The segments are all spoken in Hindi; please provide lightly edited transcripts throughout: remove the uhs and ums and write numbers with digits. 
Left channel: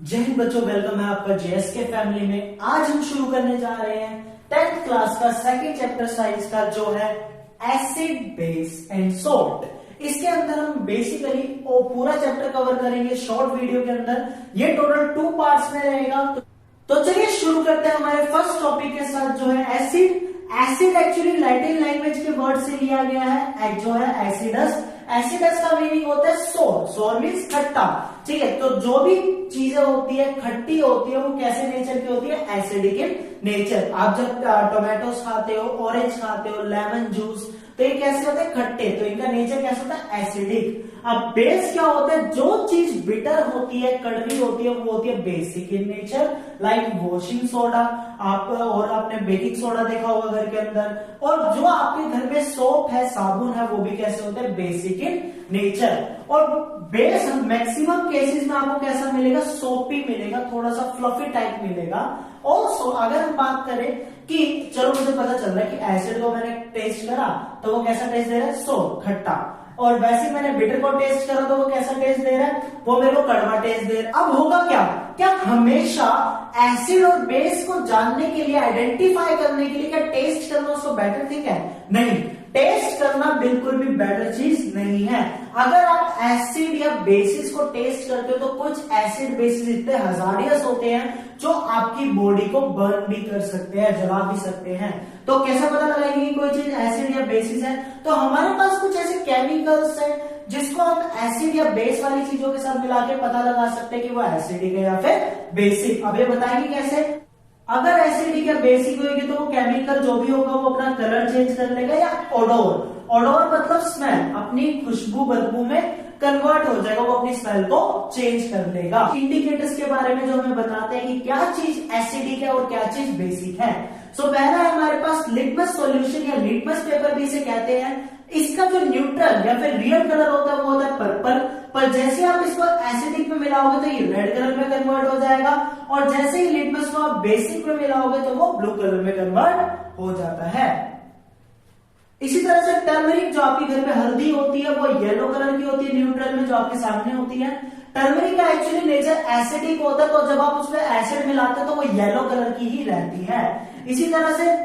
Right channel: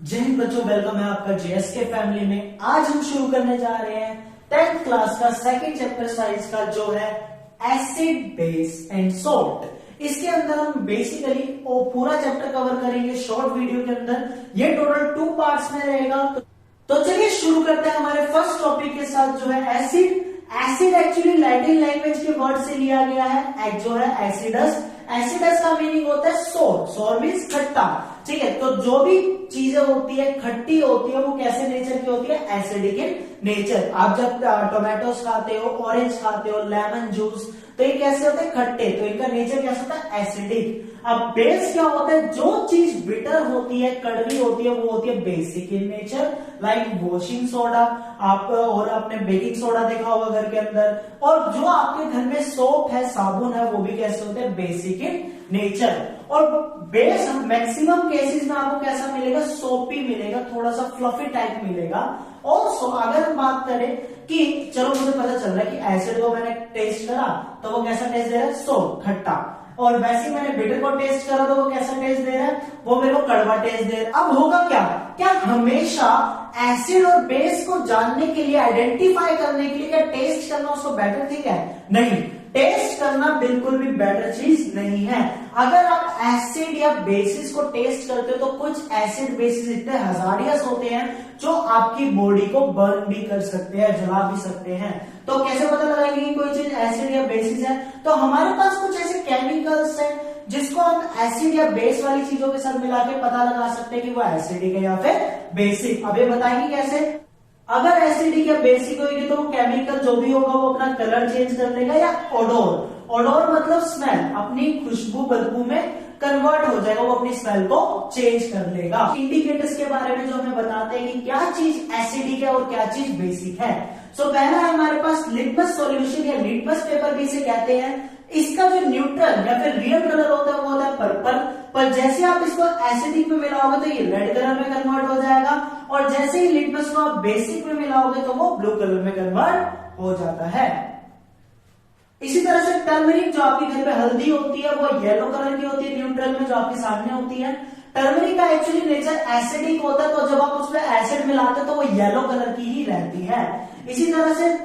जय हिंद बच्चों, वेलकम है आपका जेएसके फैमिली में। आज हम शुरू करने जा रहे हैं 10th क्लास का सेकंड चैप्टर साइंस का, जो है एसिड बेस एंड सोल्ट। इसके अंदर हम बेसिकली पूरा चैप्टर कवर करेंगे शॉर्ट वीडियो के अंदर। ये टोटल 2 पार्ट्स में रहेगा। तो चलिए शुरू करते हैं हमारे फर्स्ट टॉपिक के साथ, जो है acid. Acid actually Latin language के वर्ड से लिया गया है, जो है एसिडस। एसिडस का मीनिंग होता है सोर। सोर मीन्स खट्टा, ठीक है। तो जो भी चीजें होती है खट्टी होती है, वो कैसे नेचर की होती है? Acidic in nature. आप जब टोमेटोस खाते हो, ऑरेंज खाते हो, लेमन जूस, तो ये कैसे होते हैं? खट्टे। तो इनका नेचर कैसा होता है? एसिडिक। अब बेस क्या होता है? जो चीज बिटर होती है, कड़वी होती है, वो होती है basic in nature. Like washing soda, आप और आपने बेकिंग सोडा देखा होगा घर के अंदर। और जो आपके घर में सोप है, साबुन है, वो भी कैसे होते हैं? Basic in nature. और बेस मैक्सिमम केसेस में आपको कैसा मिलेगा? सोपी मिलेगा, थोड़ा सा फ्लफी टाइप मिलेगा। और अगर हम बात करें कि चलो मुझे पता चल रहा है कि एसिड को मैंने टेस्ट करा तो वो कैसा टेस्ट दे रहा है? सोप, खट्टा। और वैसे मैंने बिटर को टेस्ट करा तो वो कैसा टेस्ट दे रहा है? वो मेरे को कड़वा टेस्ट दे रहा है। अब होगा क्या हमेशा एसिड और बेस को जानने के लिए, आइडेंटिफाई करने के लिए क्या टेस्ट करना उसको बेटर थिंग है? नहीं, टेस्ट करना बिल्कुल भी बेटर चीज नहीं है। अगर आप एसिड या बेसिस को टेस्ट करते हो तो कुछ एसिड बेसिस इतने हजारियस होते हैं जो आपकी बॉडी को बर्न भी कर सकते हैं, जला भी सकते हैं। तो कैसे पता लगाएंगे कि कोई चीज एसिड या बेसिस है? तो हमारे पास कुछ ऐसे केमिकल्स है जिसको हम एसिड या बेस वाली चीजों के साथ मिला के पता लगा सकते हैं कि वो एसिडिक है या फिर बेसिक। अब ये बताएंगे कैसे? अगर एसिडिक या बेसिक होगी तो वो केमिकल जो भी होगा वो अपना कलर चेंज कर लेगा, या ओडोर। ओडोर मतलब स्मेल, अपनी खुशबू बदबू में कन्वर्ट हो जाएगा, वो अपनी स्मेल को चेंज कर लेगा। इंडिकेटर्स के बारे में जो हमें बताते हैं कि क्या चीज एसिडिक है और क्या चीज बेसिक है। सो पहला है हमारे पास लिटमस सॉल्यूशन या लिटमस पेपर भी इसे कहते हैं। इसका जो न्यूट्रल या फिर रियल कलर होता है वो होता है पर्पल। पर जैसे आप इसको एसिडिक में मिलाओगे तो ये रेड कलर में कन्वर्ट हो जाएगा, और जैसे ही लिटमस को आप बेसिक में मिलाओगे तो वो ब्लू कलर में कन्वर्ट हो जाता है। इसी तरह से टर्मरिक, जो आपके घर पे हल्दी होती है, वो येलो कलर की होती है न्यूट्रल में, जो आपके सामने होती है। टर्मरिक का एक्चुअली नेचर एसिडिक होता है, तो जब आप उसमें एसिड मिलाते हो तो वो येलो कलर की ही रहती है। इसी तरह से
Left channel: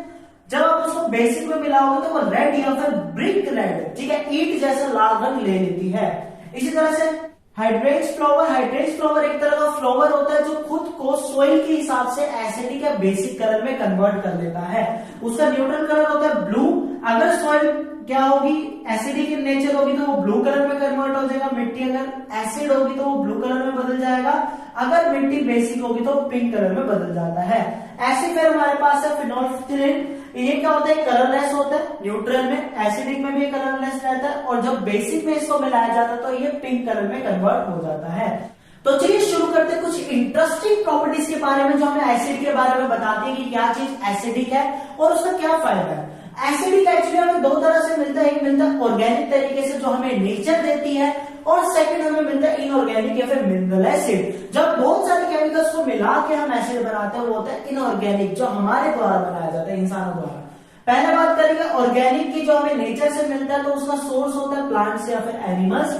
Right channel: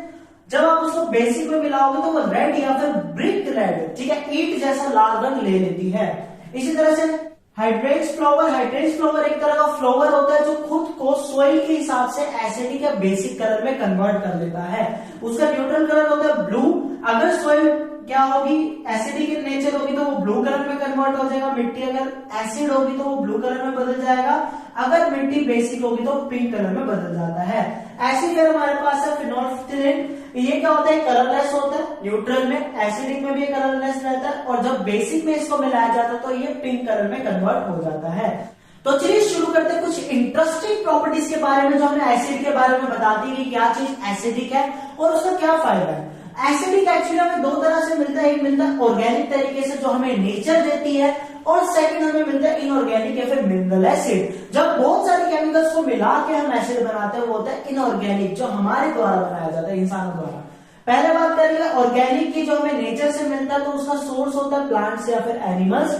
जब आप उसको बेसिक में मिलाओगे तो वो रेड या फिर ब्रिक रेड, ठीक है, ईंट जैसा लाल रंग ले लेती है। इसी तरह से हाइड्रेंस फ्लावर एक तरह का फ्लावर होता है जो खुद को सोइल के हिसाब से एसिडिक या बेसिक कलर में कन्वर्ट कर देता है। उसका न्यूट्रल कलर होता है ब्लू। अगर सोइल क्या होगी? एसिडिक इन नेचर होगी तो वो ब्लू कलर में कन्वर्ट हो जाएगा। मिट्टी अगर एसिड होगी तो वो ब्लू कलर में बदल जाएगा। अगर मिट्टी बेसिक होगी तो पिंक कलर में बदल जाता है। ऐसे फिर हमारे पास है फिनोल्फ्थालीन। ये क्या होता है? कलरलेस होता है न्यूट्रल में, एसिडिक में भी कलरलेस रहता है, और जब बेसिक में इसको मिलाया जाता है तो ये पिंक कलर में कन्वर्ट हो जाता है। तो चलिए शुरू करते हैं कुछ इंटरेस्टिंग प्रॉपर्टीज के बारे में जो हमें एसिड के बारे में बताती है कि क्या चीज एसिडिक है और उसका क्या फायदा है। एसिडिक एक्चुअली हमें 2 तरह से मिलता है। एक मिलता है ऑर्गेनिक तरीके से जो हमें नेचर देती है, और सेकंड हमें मिलता है इनऑर्गेनिक या फिर मिनरल एसिड। जब बहुत सारे केमिकल्स को मिला के हम एसिड बनाते हैं वो होता है इनऑर्गेनिक, जो हमारे द्वारा बनाया जाता है, इंसानों द्वारा। पहले बात करेंगे ऑर्गेनिक की, जो हमें नेचर से मिलता है, तो उसका सोर्स होता है प्लांट्स या फिर एनिमल्स।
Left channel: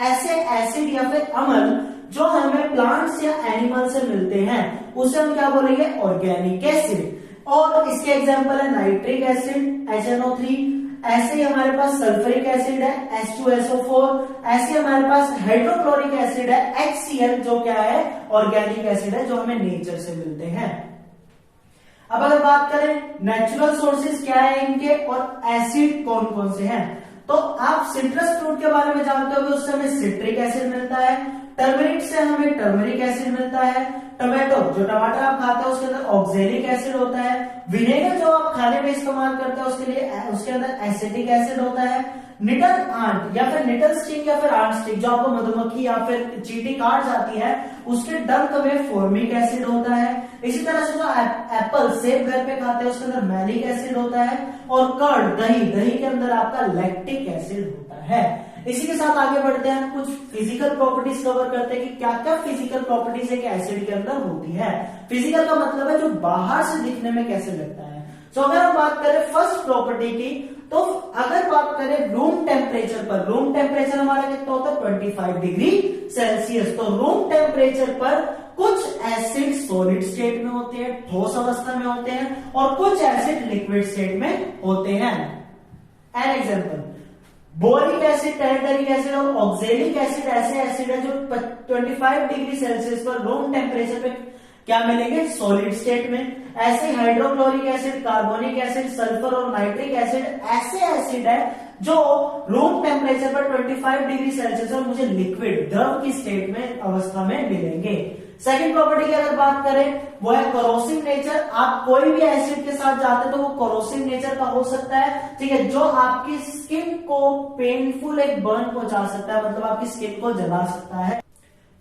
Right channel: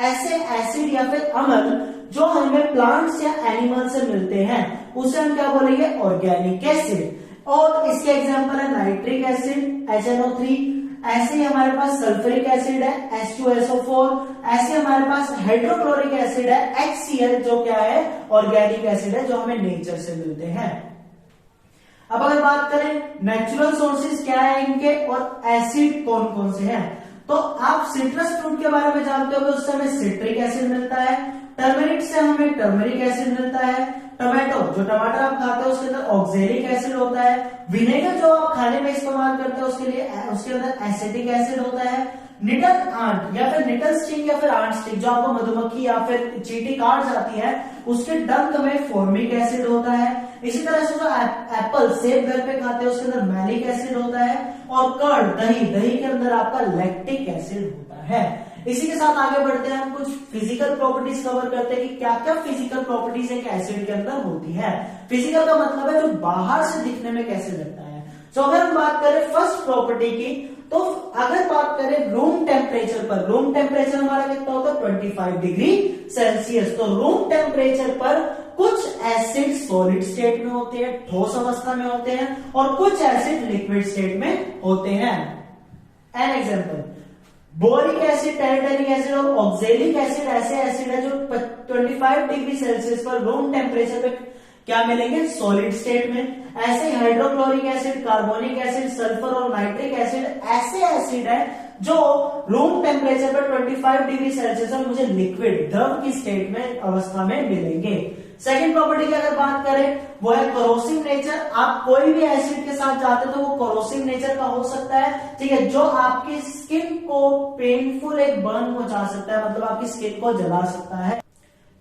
ऐसे एसिड या फिर अम्ल जो हमें प्लांट्स या एनिमल से मिलते हैं उसे हम क्या बोलेंगे? Organic acid. और इसके एग्जांपल है नाइट्रिक एसिड HNO3, ऐसे ही हमारे पास सल्फ्यूरिक एसिड है H2SO4, ऐसे हमारे पास हाइड्रोक्लोरिक एसिड है HCl, जो क्या है? ऑर्गेनिक एसिड है, जो हमें नेचर से मिलते हैं। अब अगर बात करें नेचुरल सोर्सेज क्या है इनके और एसिड कौन कौन से हैं, तो आप सिट्रस फ्रूट के बारे में जानते हो कि उससे हमें सिट्रिक एसिड मिलता है। टर्मरिक से हमें टर्मरिक एसिड मिलता है। टोमेटो, जो टमाटर आप खाते हैं, उसके अंदर ऑक्जेलिक एसिड होता है। विनेगर जो आप खाने में इस्तेमाल करते हैं उसके अंदर एसिटिक एसिड होता है। निडल आंट या फिर निडल स्टिंग या फिर आंट स्टिंग, जो आपको मधुमक्खी या फिर चींटी काट जाती है, उसके डंक में फॉर्मिक एसिड होता है। इसी तरह से जो एप्पल सेब घर पे खाते हैं उसके अंदर मैलिक एसिड होता है। और कर्ड, दही के अंदर आपका लैक्टिक एसिड होता है। इसी के साथ आगे बढ़ते हैं, हम कुछ फिजिकल प्रॉपर्टीज कवर करते हैं कि क्या क्या फिजिकल प्रॉपर्टीज है कि एसिड के अंदर होती है। फिजिकल का मतलब है जो बाहर से दिखने में कैसे लगता है। तो अगर हम बात करें फर्स्ट प्रॉपर्टी की, तो अगर बात करें रूम टेम्परेचर पर, रूम टेम्परेचर हमारा कितना होता है 25 डिग्री सेल्सियस। तो रूम टेम्परेचर पर कुछ एसिड सॉलिड स्टेट में होते हैं, ठोस अवस्था में होते हैं, और कुछ एसिड लिक्विड स्टेट में होते हैं। An example, boric acid, tartaric acid और ऑक्जेलिक एसिड ऐसे एसिड है जो 25 डिग्री सेल्सियस पर रूम टेम्परेचर पे क्या मिलेंगे, सॉलिड स्टेट में। ऐसे ही hydrochloric acid, carbonic acid, sulphur और नाइट्रिक एसिड ऐसे एसिड है जो रूम टेम्परेचर पर 25 डिग्री सेल्सियस पर मुझे लिक्विड द्रव की स्टेट में अवस्था में मिलेंगे। सेकेंड प्रॉपर्टी की अगर बात करें वो है कोरोसिव नेचर। आप कोई भी एसिड के साथ जाते तो वो कोरोसिव नेचर का हो सकता है, ठीक है, जो आपकी स्किन को पेनफुल एक बर्न पहुंचा सकता है, मतलब आपकी स्किन को जला सकता है।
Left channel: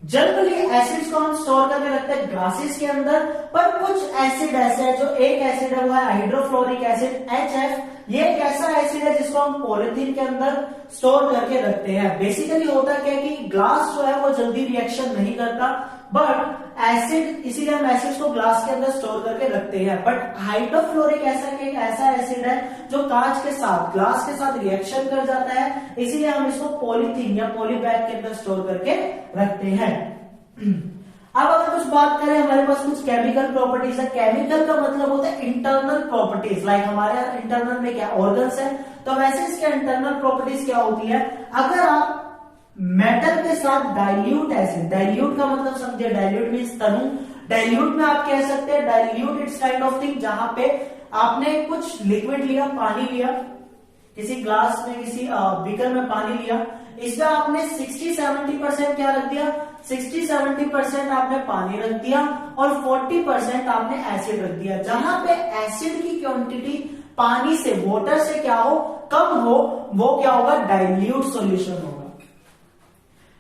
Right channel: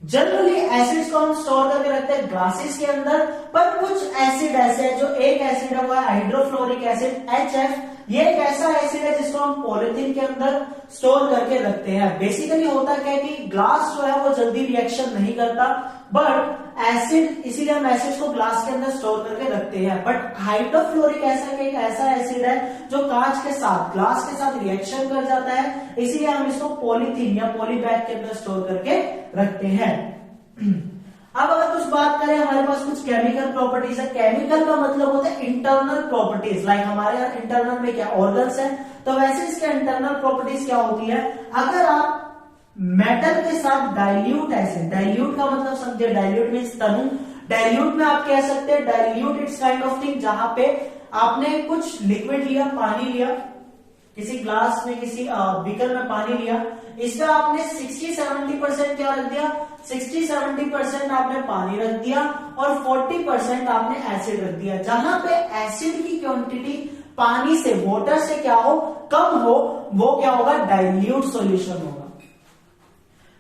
जनरली एसिड्स को हम स्टोर करके रखते हैं ग्लासेस के अंदर, पर कुछ एसिड ऐसे है, जो एक एसिड है वो है हाइड्रोफ्लोरिक एसिड HF। ये एक ऐसा एसिड है जिसको हम पॉलिथीन के अंदर स्टोर करके रखते हैं। बेसिकली होता क्या है कि ग्लास जो है वो जल्दी रिएक्शन नहीं करता, बट एसिड, इसीलिए हम एसिड को ग्लास के अंदर स्टोर करके रखते हैं। बट हाइड्रोफ्लोरिक एसिड एक ऐसा एसिड है जो कांच के साथ, ग्लास के साथ रिएक्शन कर जाता है, इसीलिए हम इसको पॉलीथीन या पॉलीबैग के अंदर स्टोर करके रखते हैं। अब अगर कुछ बात करें, हमारे पास कुछ केमिकल प्रॉपर्टीज है। केमिकल का मतलब होता है इंटरनल प्रॉपर्टीज, लाइक हमारे यहाँ इंटरनल में क्या ऑर्गन्स है, तो वैसे इसके इंटरनल प्रॉपर्टीज क्या होती है। अगर आप मेटल के साथ डाइल्यूट एसिड, डाइल्यूट का मतलब समझे, डाइल्यूट मीन्स तनु, डाइल्यूट में आप कह सकते हैं dilute it's kind of thing जहां पे आपने कुछ लिक्विड लिया, पानी लिया, किसी ग्लास में, किसी बीकर में पानी लिया, इसमें आपने 60-70% क्या रख दिया, 60-70% आपने पानी रख दिया और 40% आपने एसिड रख दिया। जहां पे एसिड की क्वांटिटी पानी से, वाटर से क्या हो, कम हो, वो क्या होगा, डाइल्यूट सॉल्यूशन होगा।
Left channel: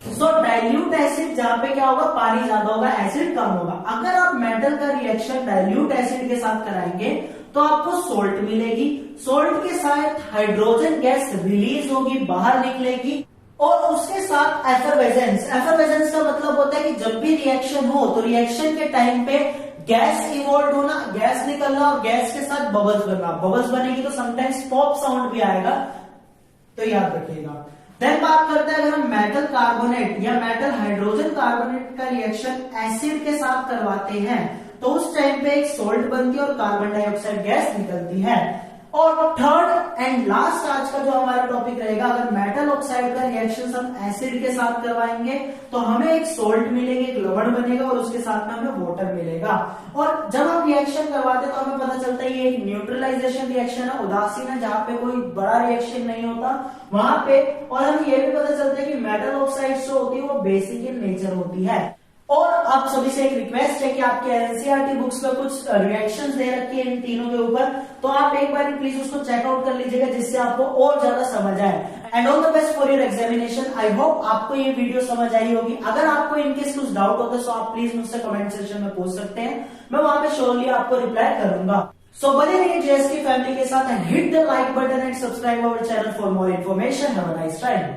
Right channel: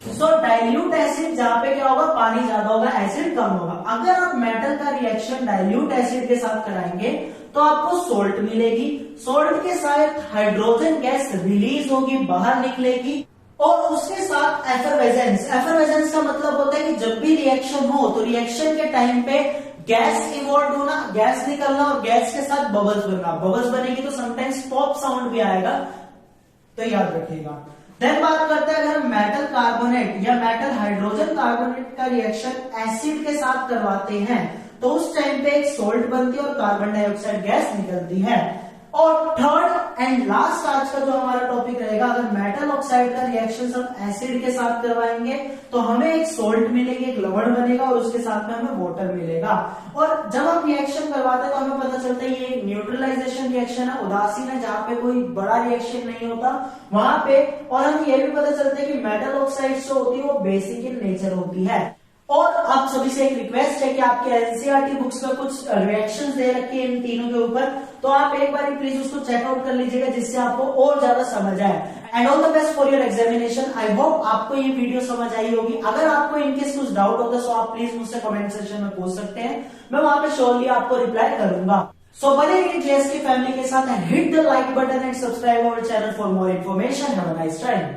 सो डाइल्यूट एसिड जहां पे क्या होगा, पानी ज्यादा होगा, एसिड कम होगा। अगर आप मेटल का रिएक्शन डाइल्यूट एसिड के साथ कराएंगे तो आपको सोल्ट मिलेगी। सोल्ट के साथ हाइड्रोजन गैस रिलीज होगी, बाहर निकलेगी, और उसके साथ एफरवेजेंस। एफरवेजेंस का मतलब होता है कि जब भी रिएक्शन हो तो रिएक्शन के टाइम पे गैस इवॉल्व होना, गैस निकलना और गैस के साथ बबल्स बनना। बबल्स बनेगी तो समटाइम्स पॉप साउंड भी आएगा, तो याद रखिएगा। देन बात करते हैं अगर हम मेटल कार्बोनेट या मेटल हाइड्रोजन कार्बोनेट का रिएक्शन एसिड के साथ करवाते हैं तो उस टाइम पे एक सोल्ट बनती है और कार्बन डाइऑक्साइड गैस निकलती है। और थर्ड एंड लास्ट आज का जो हमारा टॉपिक रहेगा, अगर मेटल ऑक्साइड का रिएक्शन हम एसिड के साथ करवाएंगे तो हमें एक सोल्ट मिलेगी, एक लवण बनेगा और उसके साथ में हमें वाटर मिलेगा। और जब हम रिएक्शन करवाते हैं तो हमें पता चलता है ये एक न्यूट्रलाइजेशन रिएक्शन है, उदासीन है, जहां पे कोई बड़ा रिएक्शन नहीं होता वहां पे। और हमें ये भी पता चलता है कि मेटल ऑक्साइड जो होती है वो बेसिक इन नेचर होती है। और आप सभी से एक रिक्वेस्ट है कि आपके एनसीईआरटी बुक्स में कुछ रिएक्शंस दे रखी है इन तीनों के ऊपर, तो आप एक बार प्लीज उसको चेकआउट कर लीजिएगा जिससे आपको और ज्यादा समझ आए। And all the best for your examination. I hope आपको ये वीडियो समझ आई होगी। अगर आपको इनकेस कुछ डाउट होता है तो आप प्लीज मुझसे कमेंट सेक्शन में पूछ सकते हैं, मैं वहां पे श्योरली आपको रिप्लाई करूंगा। सो बने रहिए जेएसके फैमिली के साथ, hit the like button and subscribe our channel for more information. Have a nice time.